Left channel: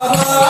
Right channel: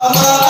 Hare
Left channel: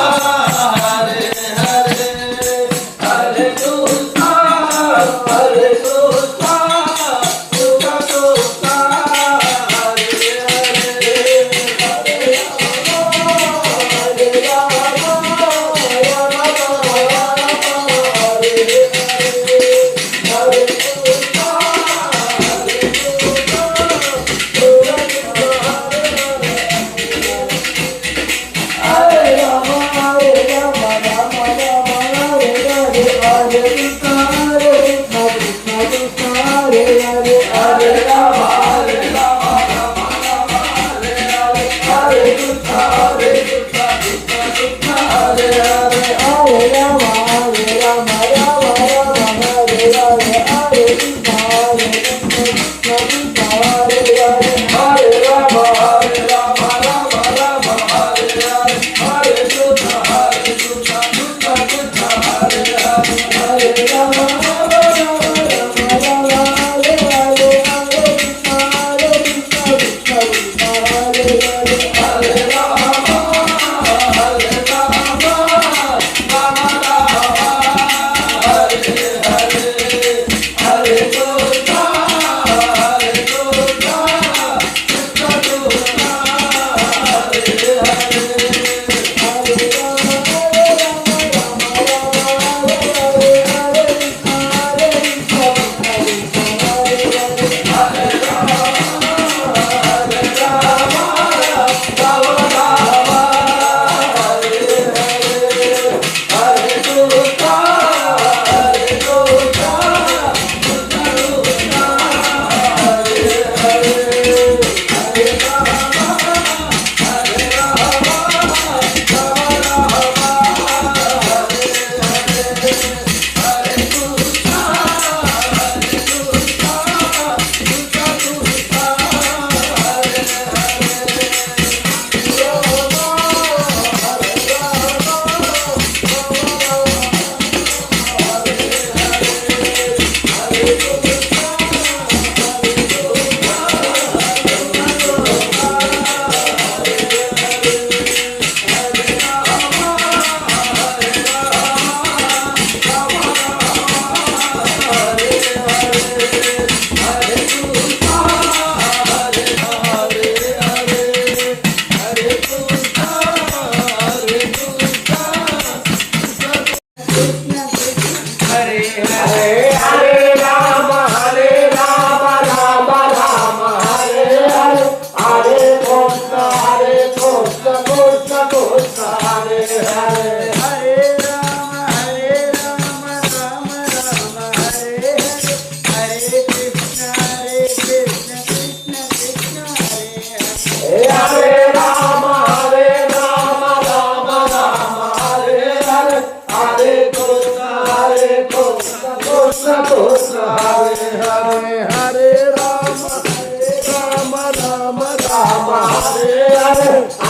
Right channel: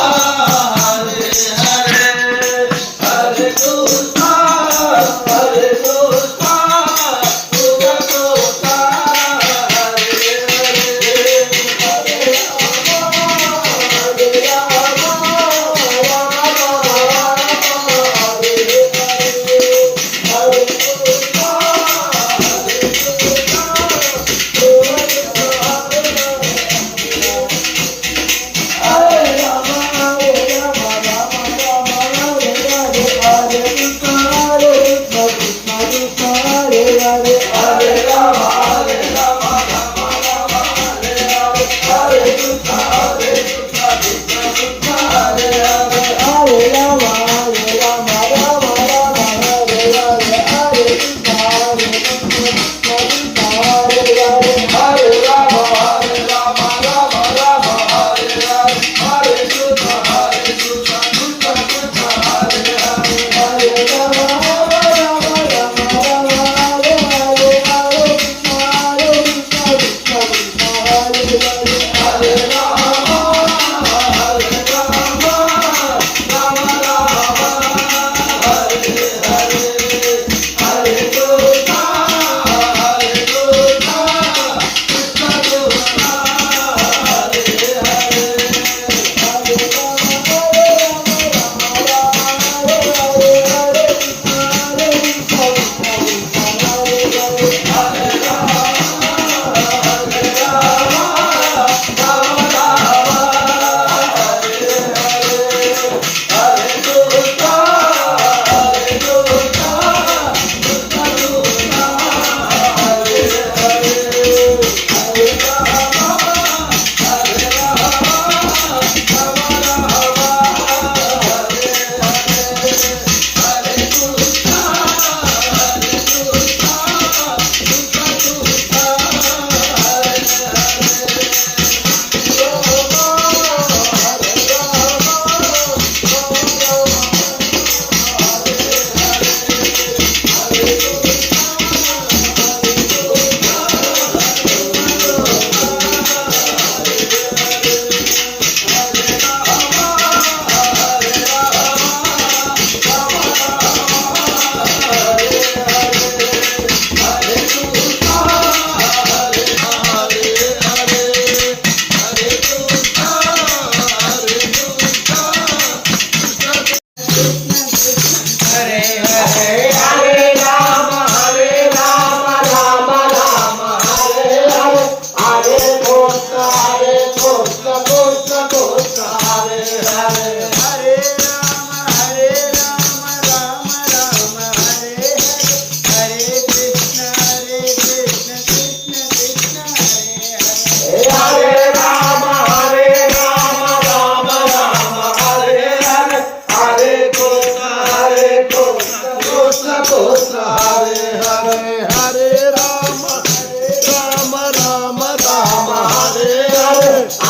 Yes.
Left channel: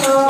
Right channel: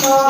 Santo.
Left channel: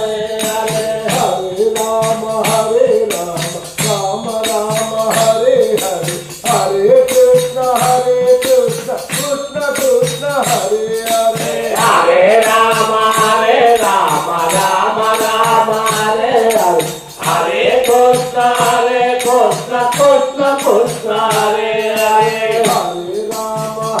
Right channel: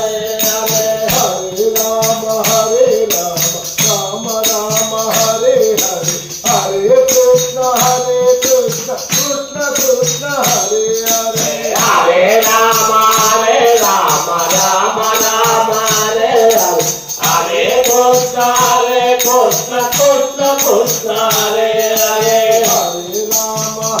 Krishna Krishna Hare Hare Hare Rama